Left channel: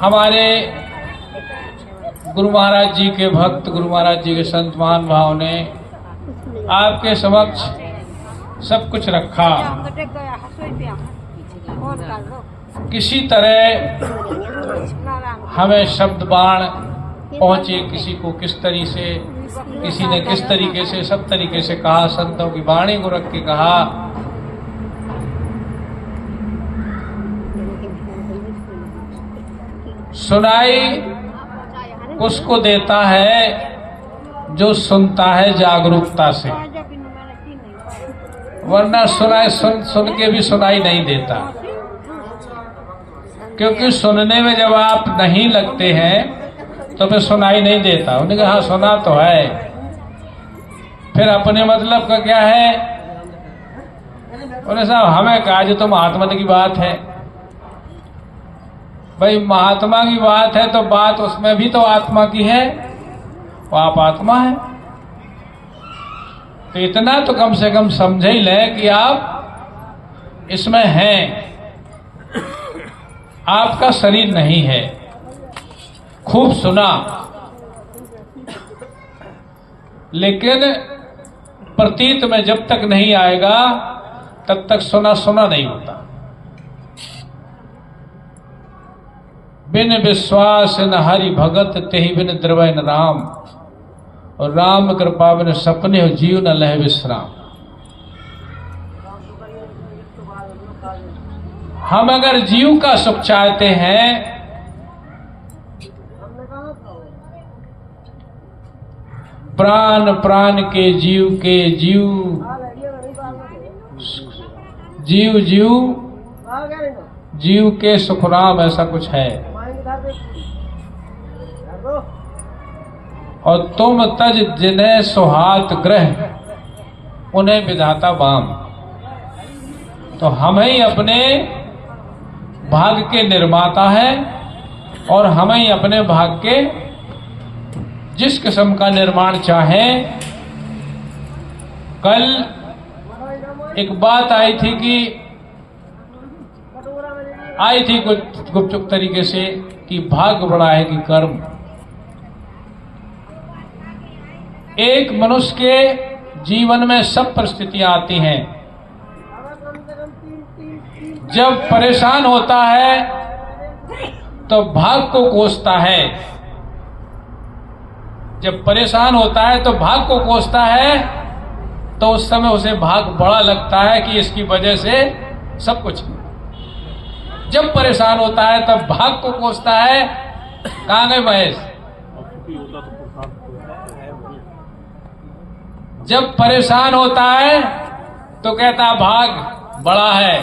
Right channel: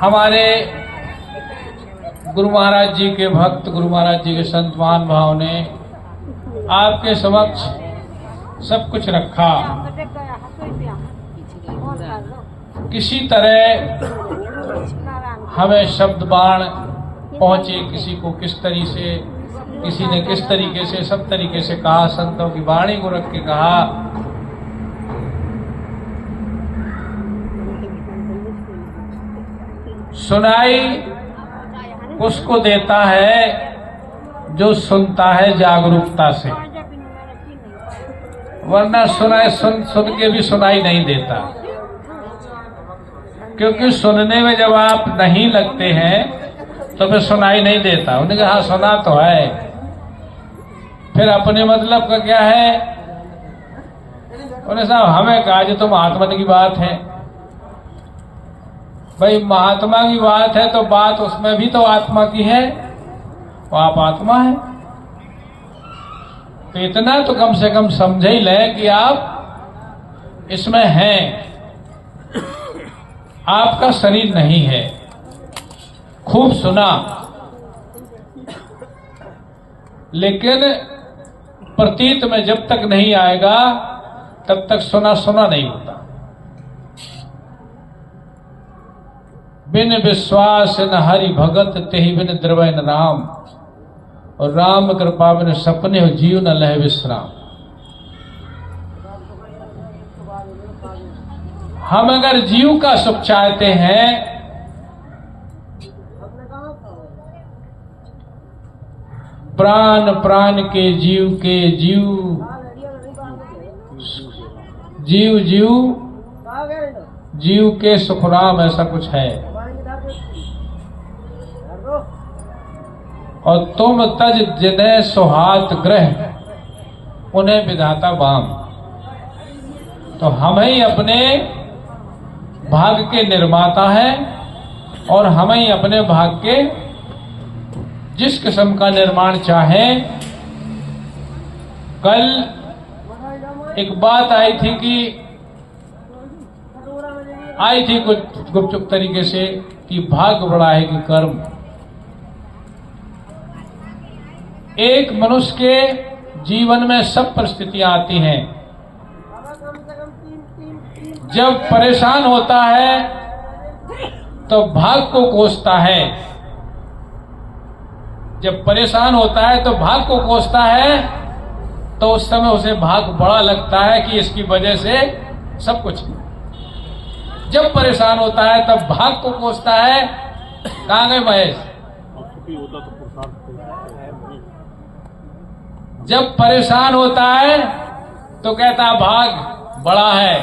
हमारे गुरु महाराज जी के भक्त, गुरु महाराज जी के संत महानुभाव ने आपके समक्ष सब कुछ रखा। किसी तरह हमें शब्द बाण पहुंचे, किसी को किस तरीके से, किसी ने किस तरीके से, सब तरीके से कहा। संतों की वाणी को रख के कहा। सुनाई उसको देता है जो सुनता है जागरूकता से, वरना सुनाई सुन के भी सुनाई नहीं देता। क्योंकि सुनने में जब आप नहीं लगते हैं तो फिर सुनाई नहीं देता। उन्होंने कहा सुना तो है, फिर अपने मतलब का क्या है। उन्होंने साहब हमें कहा जो तो महात्मा की बात है। भाई महात्मा की बात है तो बात उसमें भी तो आत्मा की है, तो आप आत्मा है। तो इतना तो कम से कम समझ ही लें कि आप इसमें हैं, आपका शरीर नहीं है। खूब सुना, लेकिन प्रतीत में जब तक नहीं आएगा तब तक सुना सुना नहीं होता। बिन विश्वास न हरि भगत तेहि बिन द्रवै न राम, और राम कृपा बिन सपने हो जीव न लह विश्राम। हम अगर जीव का सुख चाहते हैं प्राण प्राण के जीव के जीव जीव जीव जीव के सुखराम, ऐसा कुछ है। और तुम तज जिन्हें सुहात ग्रह उन्हें विधाता वाम। तो हम ही अपने भाग्य के निर्माता हैं और हम ही अपने भाग्य के जिस किस्म का निर्माण चाहें। कल एक बात आई थी कि आई थी कुछ गुपचुप तरीके से कि भाग्य बड़ा है कि कर्म। एक मनुष्य के जीवन में सब परिस्थितियां आती हैं। जब परेशान होता है तो भाग को कोसता है, जब परेशान होता है तो भाग को कोसता है, तो उस समय उसे भाग बड़ा लगता है कि इसकी वजह से सब कुछ। जब परेशान होता है तब भाग को कोसता है। कहां गए महेश? जब परेशान होता है तो कहता है भाग बड़ा है,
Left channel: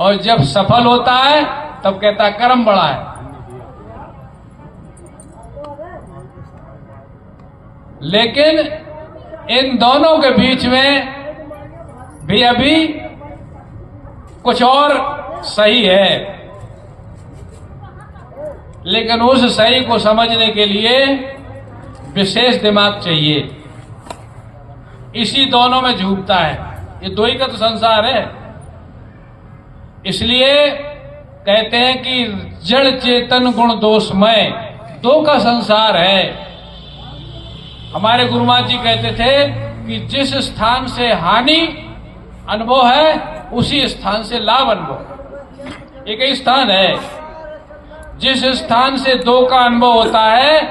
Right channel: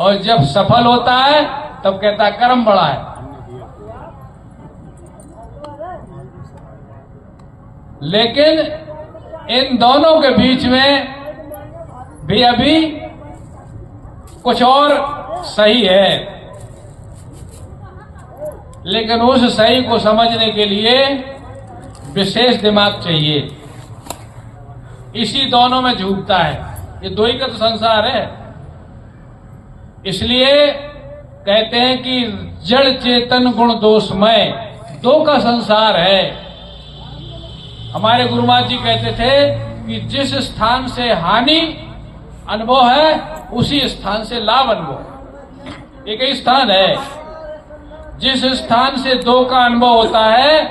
और जब सफल होता है तब कहता है कर्म बड़ा है। लेकिन इन दोनों के बीच में भी अभी कुछ और सही है, लेकिन उस सही को समझने के लिए विशेष दिमाग चाहिए। इसी दोनों में झूठता है, ये दो ही का तो संसार है। इसलिए कहते हैं कि जड़ चेतन गुण दोषमय दो का संसार है। हमारे गुरु महाराज जी कहते थे कि जिस स्थान से हानि अनुभव है उसी स्थान से लाभ अनुभव। एक ही स्थान है। जिस स्थान से दो का अनुभव होता है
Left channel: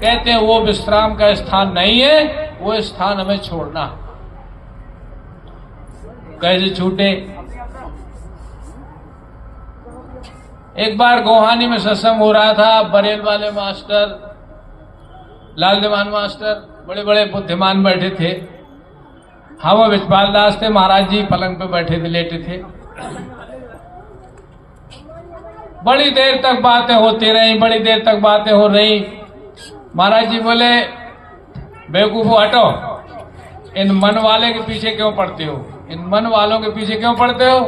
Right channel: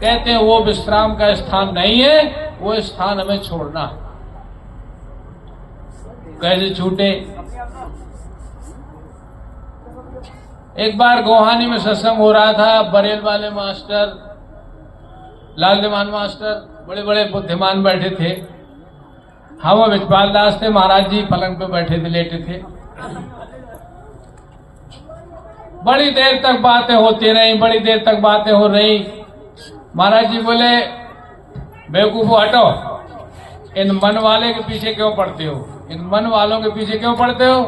कहते हैं वो विश्राम का स्थान नहीं है, वो स्थान हमें छोड़ना। कैसे छूटे? एक बार गोहानी में सत्संग हो रहा था। बरेल वाले मास्टर, लाल दीवान मास्टर, बड़े बड़े बुद्धिमान बैठे थे। हम विजपाल दास थे, महाराज जी पलंग पे बैठे थे, लेटे थे। बड़ी देर तक बातें होती रही, बड़ी देर तक बातें हो रही। महाराज जी बोले बेवकूफो हटो, इन मन वाले के पीछे क्यों पड़ते हो, इन मन वालों के पीछे क्यों पड़ते हो?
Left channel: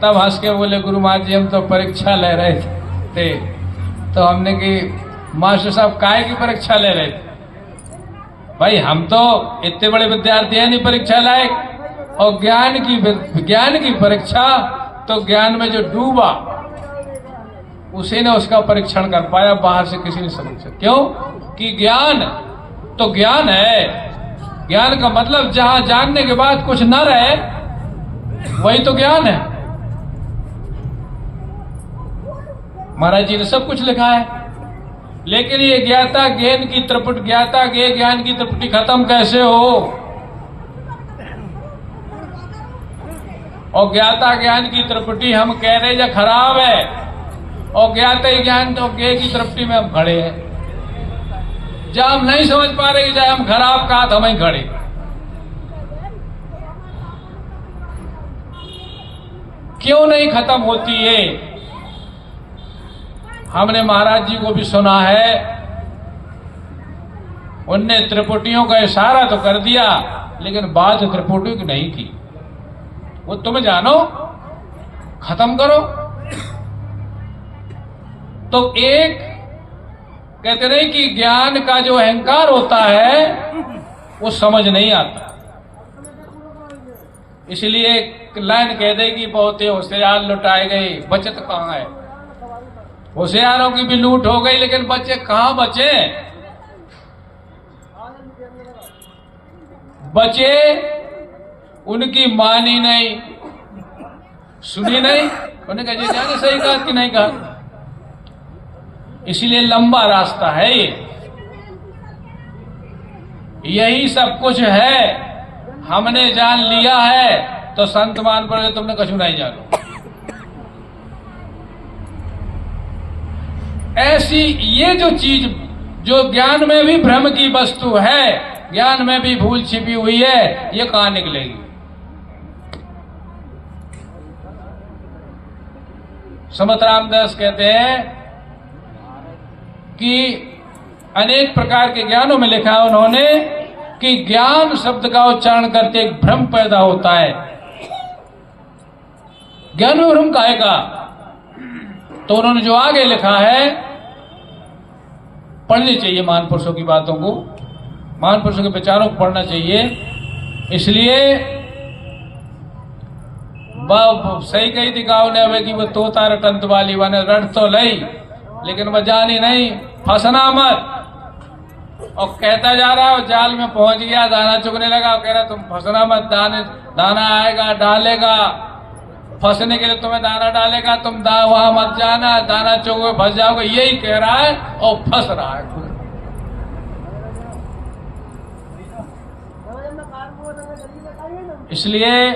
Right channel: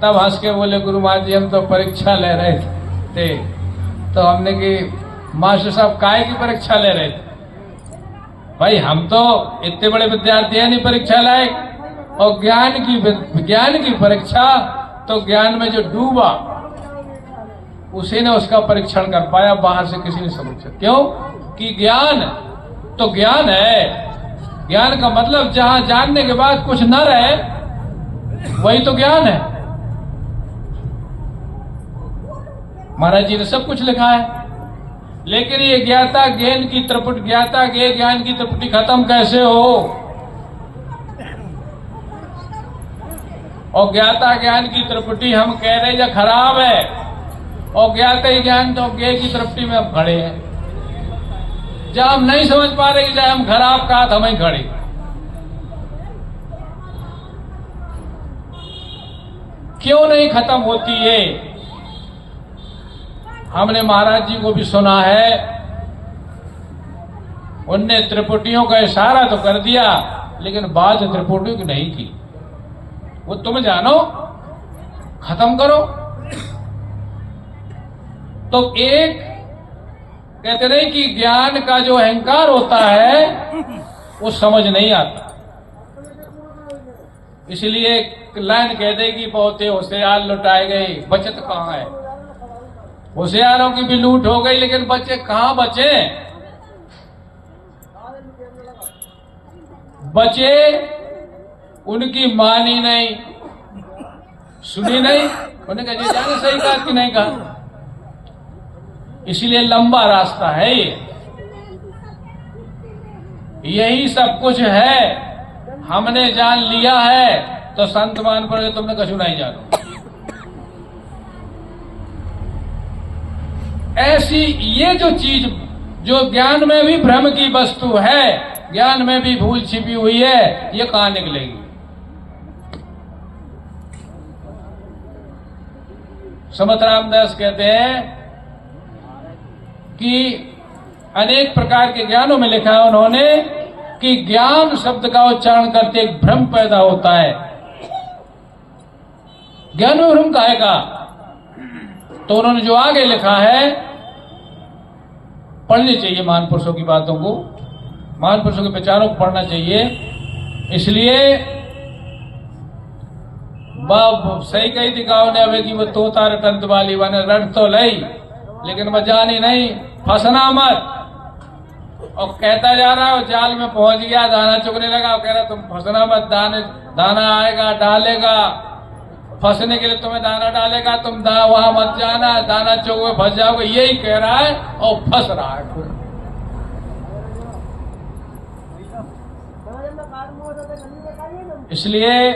तब हंस के बोले गुरु महाराज जी हम तो परीक्षा ले रहे थे। तो हमने कि मास्टर साहब काहे की परीक्षा ले रहे थे? भाई हम तो इतने बड़े विद्यार्थी हैं नहीं परीक्षा लायक। और ज्ञान की परीक्षा तो ज्ञान में जो डूबा उसी ने उसका परीक्षण कर पाया, बाहर से किसी ने समझा। क्यों कि ज्ञान तो ज्ञान है। ज्ञान का मतलब जहां जानने के बाद कुछ न रहे वही तो ज्ञान है। महाराज जी ने सब कुछ लिखा है, लेकिन ये ज्ञाता ज्ञान की त्रिपुटी खत्म कैसे हो? और ज्ञाता ज्ञान की त्रिपुटी हम कह रहे हैं खराब है, और ज्ञाते ज्ञान तो ज्ञ की त्रिपुटी में हम खड़े हैं। जब हम नहीं समझ पा रहे चाहे हम खराब कहा तो हम ही खड़े। क्यों नहीं खत्म होती है? हमने महाराज जी को भी सुना है, उनने त्रिपुटियों का इशारा तो कर दिया लेकिन बात त्रिपुटियों की नहीं की। वो तुम जानो, खत्म करो। तो एक कहते नहीं कि ज्ञान का जो अहंकार होता है वो समझ नहीं आता, इसलिए एक लाइन कह देगी बहुत होशियार लुटाए गए, बचत कहां है? होशियारों की भी लूट हो गई लेकिन बच्चे कहां बचे? बचे उनकी मानी नहीं, सुनी नहीं, उन्हें कहा जाने सही कहा कि नहीं कहा। इसलिए लंबा रास्ता है ये, यही सब कुछ है। हमने जान लिया है तो संत मान पर तुमने कछु नहीं जाना। ऐसी ये जो चीज जो ज्ञान में भी भ्रम की वस्तु है, ज्ञान में भी भूल छिपी हुई है, ये कहां निकलेगी? समत रामदास कहते हैं कि अनेक प्रकार के ज्ञानों में लिखा है उन्होंने कि ज्ञान शब्द का उच्चारण करते एक भ्रम पैदा होता है। ज्ञान में भ्रम काहे का? तो उन्होंने जो आगे लिखा है, पढ़नी चाहिए महान पुरुषों की बातों को, महान पुरुषों के विचारों को पढ़ना चाहिए। इसलिए सही कही थी गाँव ने अवे कि वो तोता रटंत वाली बने, रट तो लई लेकिन वह जानी नहीं, फंसना मत। और कहता जा रहा है, जाल में पहुंच गया, दाना चुगने लगा, और कह रहा तुम फंसना मत, दाना आएगा डालेगा, फंसने के लिए तुम्हें दाना डालेगा, तुम वहां मत जाना, दाना चुगोगे फंस जाओगे, यही कह रहा है और फंस रहा है। इसलिए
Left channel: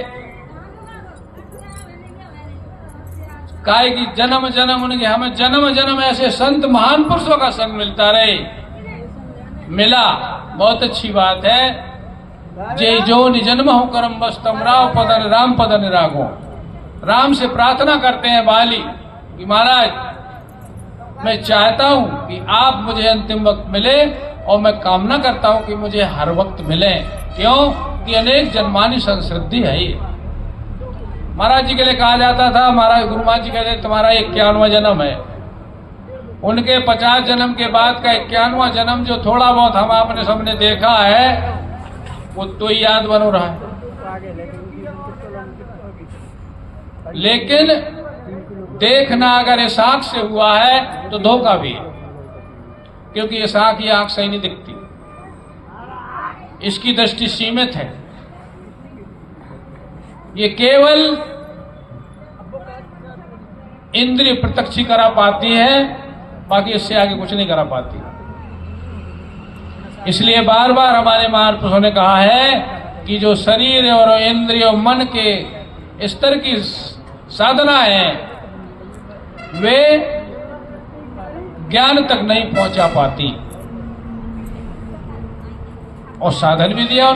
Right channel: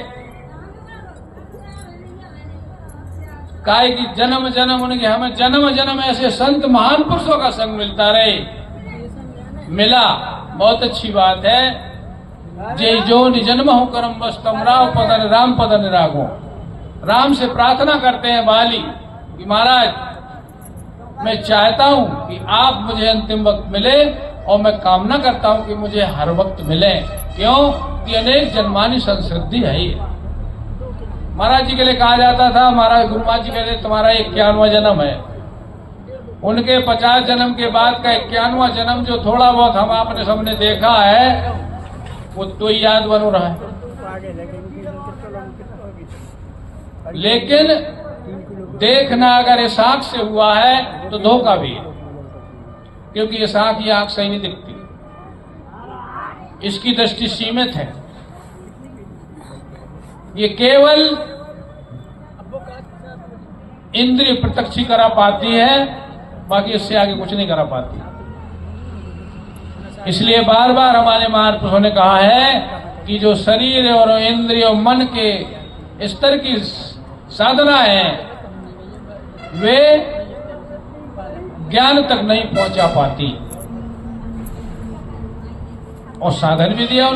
काय की जन्म जन्म उनके हमें जन्म जन्म ऐसे संत महान पुरुषों का संग मिलता रहे, मिला बहुत अच्छी बात है। जय जो निजन्म हो करम बस तम राव पदन राम पदन रागो। राम से प्रार्थना करते हैं बाली कि महाराज मैं चाहता हूं कि आप मुझे अंतिम वक्त मिले, और मैं कामना करता हूं कि मुझे हर वक्त मिले। क्यों कि अनेक जन्मानी संस्कृति है ये। महाराज जी के लिए कहा जाता था, महाराज गुरु महाराज जी कहते तुम्हारा 51वां जन्म है। उनके 50 जन्म के बाद का 51वां जन्म जो थोड़ा बहुत हम आपने सबने देखा है वो तो याद बन रहा है, लेकिन देखना अगर इस आंख से हुआ है तो धोखा भी है, क्योंकि इस आंख की आंख सही नहीं दिखती, इसकी दृष्टि सीमित है। ये केवल इंद्रिय प्रत्यक्ष करा पाती है, बाकी इससे आगे कुछ नहीं करा पाती। इसलिए बार बार हमारे महापुरुषों ने कहा है कि जो शरीर और इंद्रिय और मन के स्तर की साधना है वे ज्ञान तक नहीं पहुंचा पाती। और साधन भी दिया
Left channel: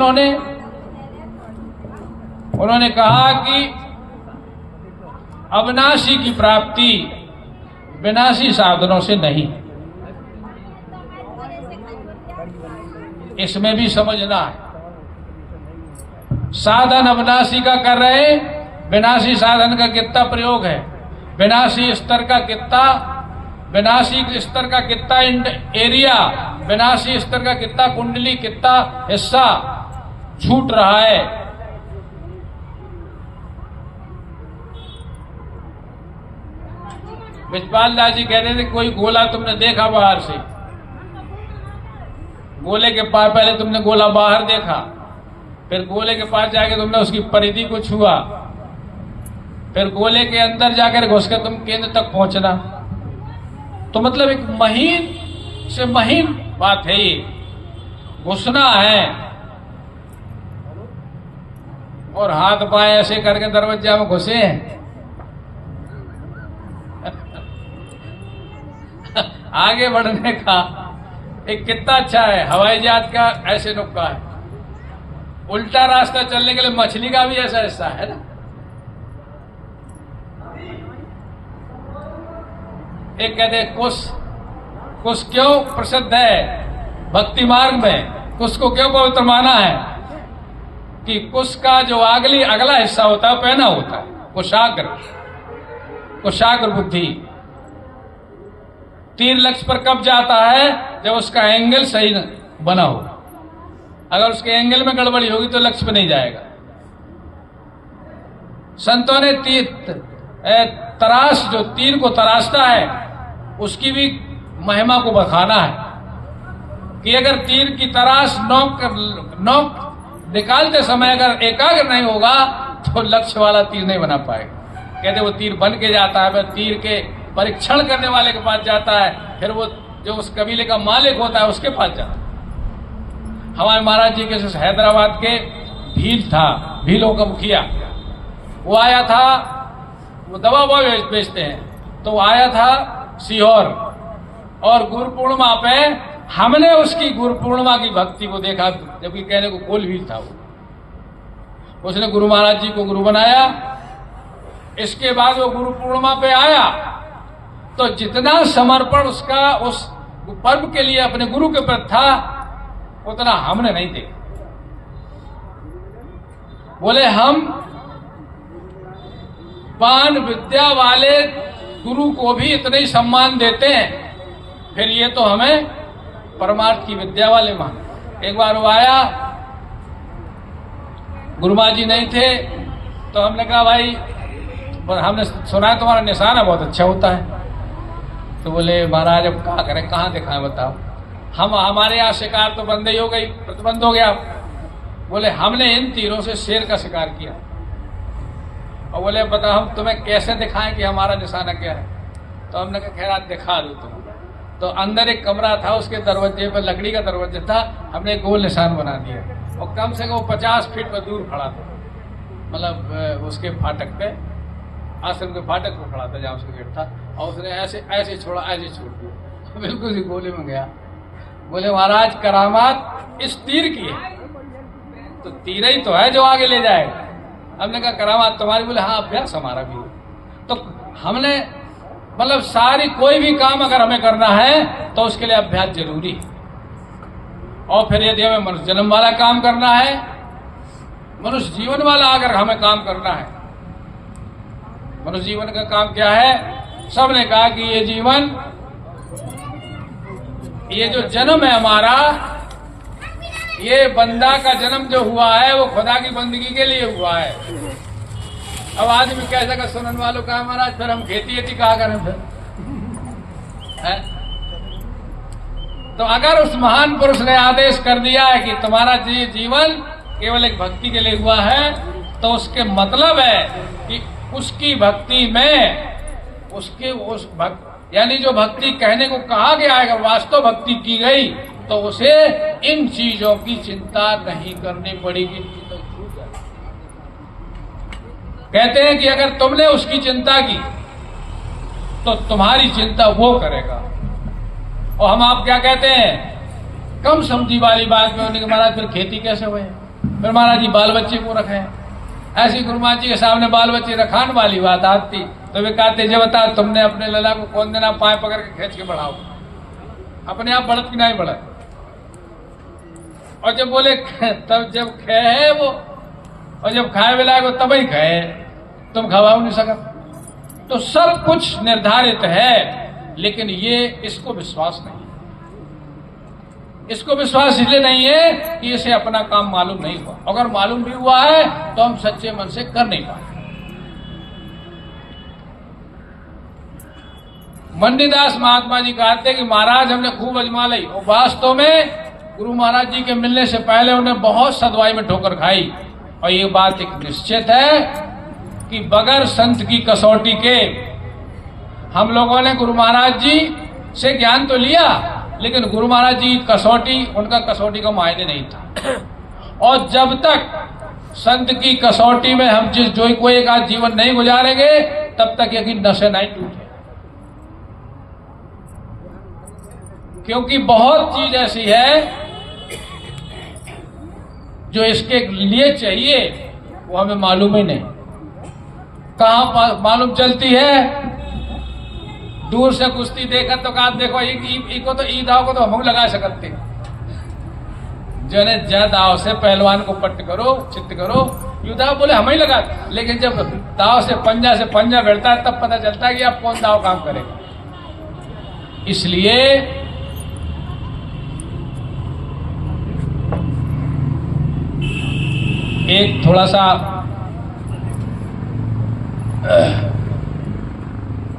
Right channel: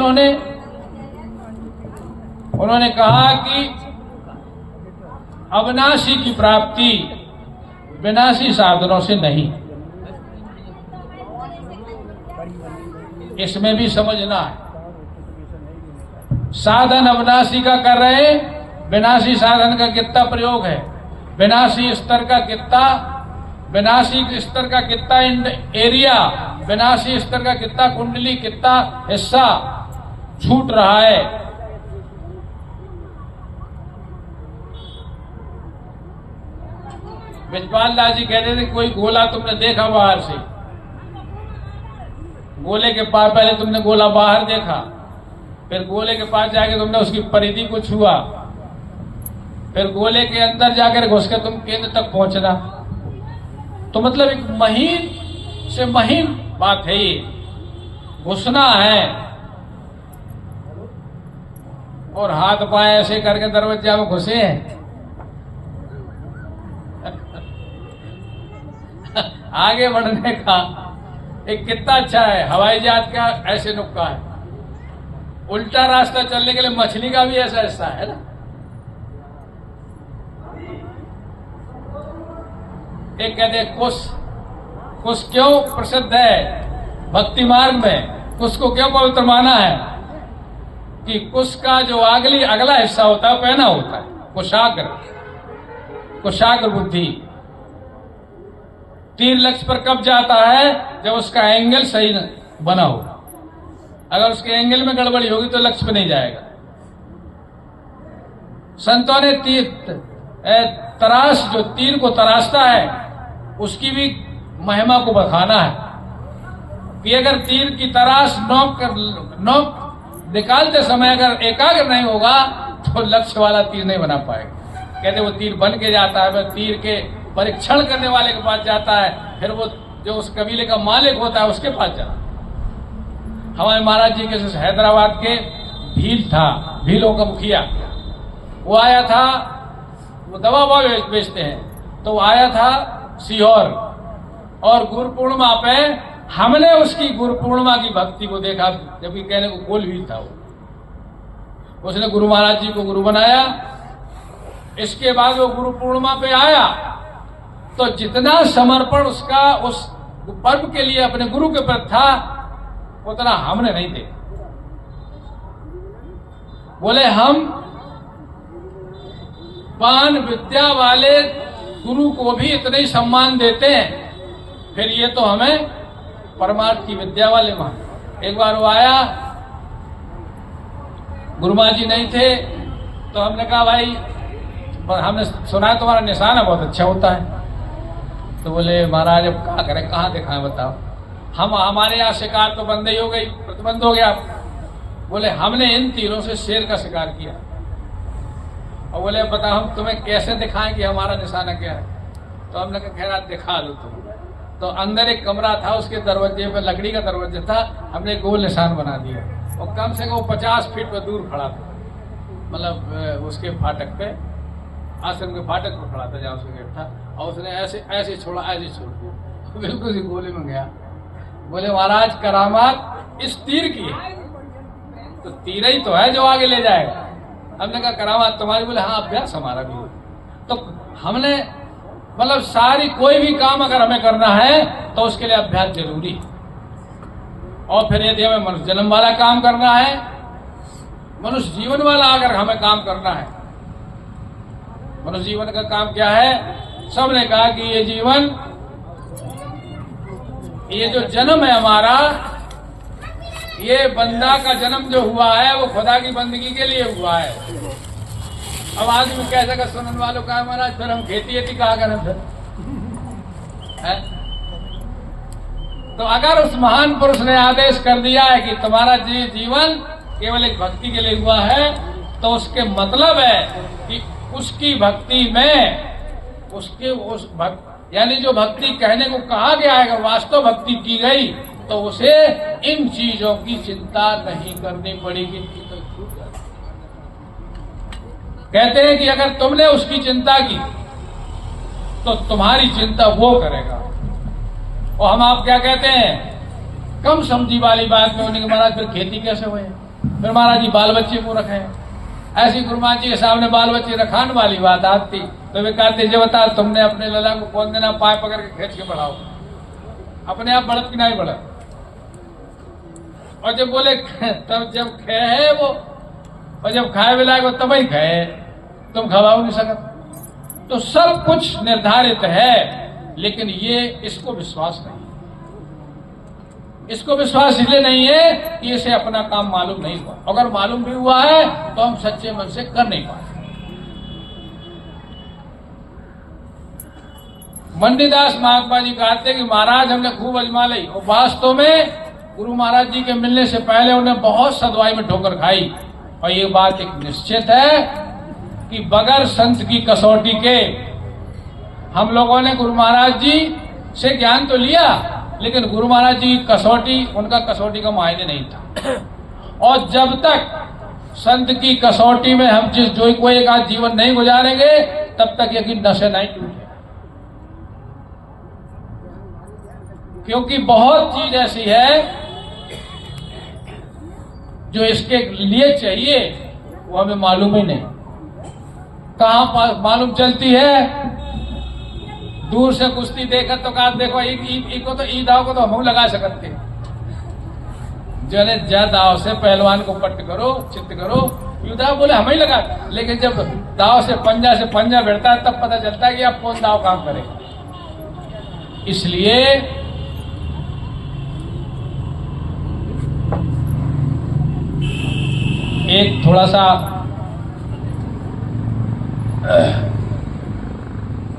उन्होंने कहा कि अविनाशी की प्राप्ति विनाशी साधनों से नहीं। इसमें भी समझना है, साधन अविनाशी का कर रहे हैं, विनाशी साधन का कितना प्रयोग है, विनाशी स्तर का कितना, विनाशी स्तर का कितना एरिया, विनाशी स्तर का कितना कुंडली, कितना हिस्सा छूट रहा है। विजपाल दास जी कहते थे कोई गोला तुमने देखा बाहर से, गोले के पास पहले तुमने गोला बाहर देखा, फिर गोले के पास जाके तुमने उसकी परिधि को छुआ, फिर गोले के अंदर जाकर घुस के तुम केंद्र तक पहुंचना। तो मतलब एक महीन से महीन बात है ये, घुसना है और हाथ पाए ऐसे करके दरवाजा में घुसे हैं। आगे बढ़ने का एक कितना अच्छा है, हवाई जहाज का ऐसे नुक्का है, उल्टा रास्ता चलने के लिए मछली का भी ऐसा हिस्सा है ना। एक कहते हैं कुश क्यों प्रसिद्ध है भक्ति मार्ग में, कुश को क्यों पवित्र माना है कि कुश का जो अगला हिस्सा होता है पहना होता है, कुशाग्र बुद्धि। तीर लक्ष्य पर कब जाता है, जब उसका एंगल सही बना हो। अगर उसके एंगल में गड़बड़ी होगी तो लक्ष्य पर नहीं जाएगा। संतों ने जो तीर को तराशता है उसकी भी महिमा को बखाना है कि अगर तीर की तराश नोक निकालते समय अगर एकाग्र नहीं होगा तो लक्ष्य वाला तीर नहीं बना पाएगा। कहते वो तीर बन के जाता है, वह तीर के परीक्षण करने वाले के पास जाता है, फिर वो जो उस कबीले का मालिक होता है उसके पास जाता है। हमारे महाराज जी के हैदराबाद के भीलों का मुखिया, वो आया था, वो दवा बेचते हैं, तो वो आया था सीहोर और गुरु पूर्णिमा पे हमने उसकी गुरु पूर्णिमा की भक्ति को देखा, जबकि कहने को गोल भील था वो। उसने गुरु महाराज जी को गुरु बनाया। इसके बाद वो गुरु पूर्णिमा पे आया तो जितना समर्पण उसका उस पर्व के लिए अपने गुरु के प्रति था उतना हमने नहीं देखा। बोले हम पान विद्या वाले गुरु को भी इतना ही सम्मान देते हैं, फिर ये तो हमें परमार्थ की विद्या वाले मान। एक बार वो आया, गुरुमा जी नहीं थे, तो हमने कहा भाई हमने सुना है तुम्हारा निशाना बहुत अच्छा होता है। तो बोले महाराज अब क्या करें, कहाँ दिखाएं बताओ। हमारे यहाँ शिकार तो बंद ही हो गई, प्रतिबंध हो गया। बोले हमने इन तीरों से शेर का शिकार किया। और बोले बता हम तुम्हें कैसे दिखाएं कि हमारा निशाना क्या है। तो हमने कहा खैर आज दिखा दो तुम। तो अंदर एक कमरा था, उसके दरवाजे पर लकड़ी का दरवाजा था, हमने एक गोल निशान बना दिया और कम से कम 50 फीट पर दूर खड़ा था, मतलब उसके फाटक पे, आश्रम के फाटक पर खड़ा था जहाँ उसका गेट था। और उसने ऐसे छोड़ा, ऐसे छोड़ दिया, बिल्कुल ही गोले में गया। बोले महाराज करामात इस तीर की है, तो तीर ही तो है जो आगे ले जाएगा। हमने कहा करामात तुम्हारी? बोले हाँ अभ्यास हमारा भी हो। तो हमने मतलब सारी कोई भी काम अगर हमें करना है तो उसके लिए अभ्यास जरूरी है। और फिर यदि हमें मनुष्य जन्म वाला काम करना है, मनुष्य जीवन वाला अगर हमें काम करना है, मनुष्य जीवन का काम क्या है? सबने कहा कि ये जीवन, ये जो जन्म है हमारा, ये बंदा का जन्म जो हुआ है वो खुदा की बंदगी के लिए हुआ है। अब आदमी कैसा का सुनने वालों का महाराज, फिर हम खेती कहा करें फिर है? तो अगर उस महान पुरुष ने आदेश कर दिया है कि तुम्हारा जीवन केवल एक भक्ति के लिए हुआ है, तो उसके मतलब है कि उसकी भक्ति में उसके उस यानी जो भक्ति कहने को कहा गया है, अगर वास्तव भक्ति की गई तो उसे इन चीजों की चिंता नहीं करनी पड़ेगी। तो छूट जाएगी। कहते हैं कि अगर तुमने उसकी चिंता की तो तुम्हारी चिंता वो करेगा। और हम आप क्या कहते हैं, कम समझी वाली बात में होने के महाराज फिर खेती कैसे हुए, फिर महाराज जी बाल बच्चे को रखे। ऐसी गुरु महाराज जी के सामने बाल बच्चे रखाने वाली बात आती तो वे कहते जो बता तुमने अपने लला को कौन देना पाए पकड़ के खींच के बढ़ाओ, अपने आप बढ़त की नहीं बढ़त। और जब बोले तब जब खे है वो, और जब खाए मिलाए वो तब ही खाए, तुम खवाओ नहीं सकते। तो सब कुछ निर्धारित है, लेकिन ये इसको विश्वास नहीं। इसको विश्वास इसलिए नहीं है कि इसे अपना काम मालूम नहीं हुआ। अगर मालूम भी हुआ है तो हम सच्चे मन से कर नहीं पाए। मंडीदास महात्मा जी कहते कि महाराज हमने खूब अजमा ली, और वास्तव में गुरु महाराज जी के मिलने से पहले उन्हें बहुत सदवाई में ठोकर खाई। और ये बात एक निश्चित है कि बगैर संत की कसौटी के हम लोगों ने गुरु महाराज जी से ज्ञान तो लिया, लेकिन गुरु महाराज जी कसौटी, उनका कसौटी का मायने नहीं था। और जब तक संत की कसौटी में हम जो कोई एक आज जीवन नहीं गुजारेंगे, तब तक यकीन नशे नहीं टूटे। क्योंकि बहुत चीज ऐसी है जो इसके लिए चाहिए, वो हमें मालूम ही नहीं। कहां मालूम चलती है? दूर से कुश्ती देखा तो कहा देखो इको तो ई दाव को तो हम लगा सकते, जने जा दाव से पहलवान को पट्ट करो, चित्त करो, यू दाव बोले हम ही लगा। लेकिन जब दाव से पंजा भिड़ता है तब पता चलता है कि आप कौन दाव काम करेगा। इसलिए एक थोड़ा सा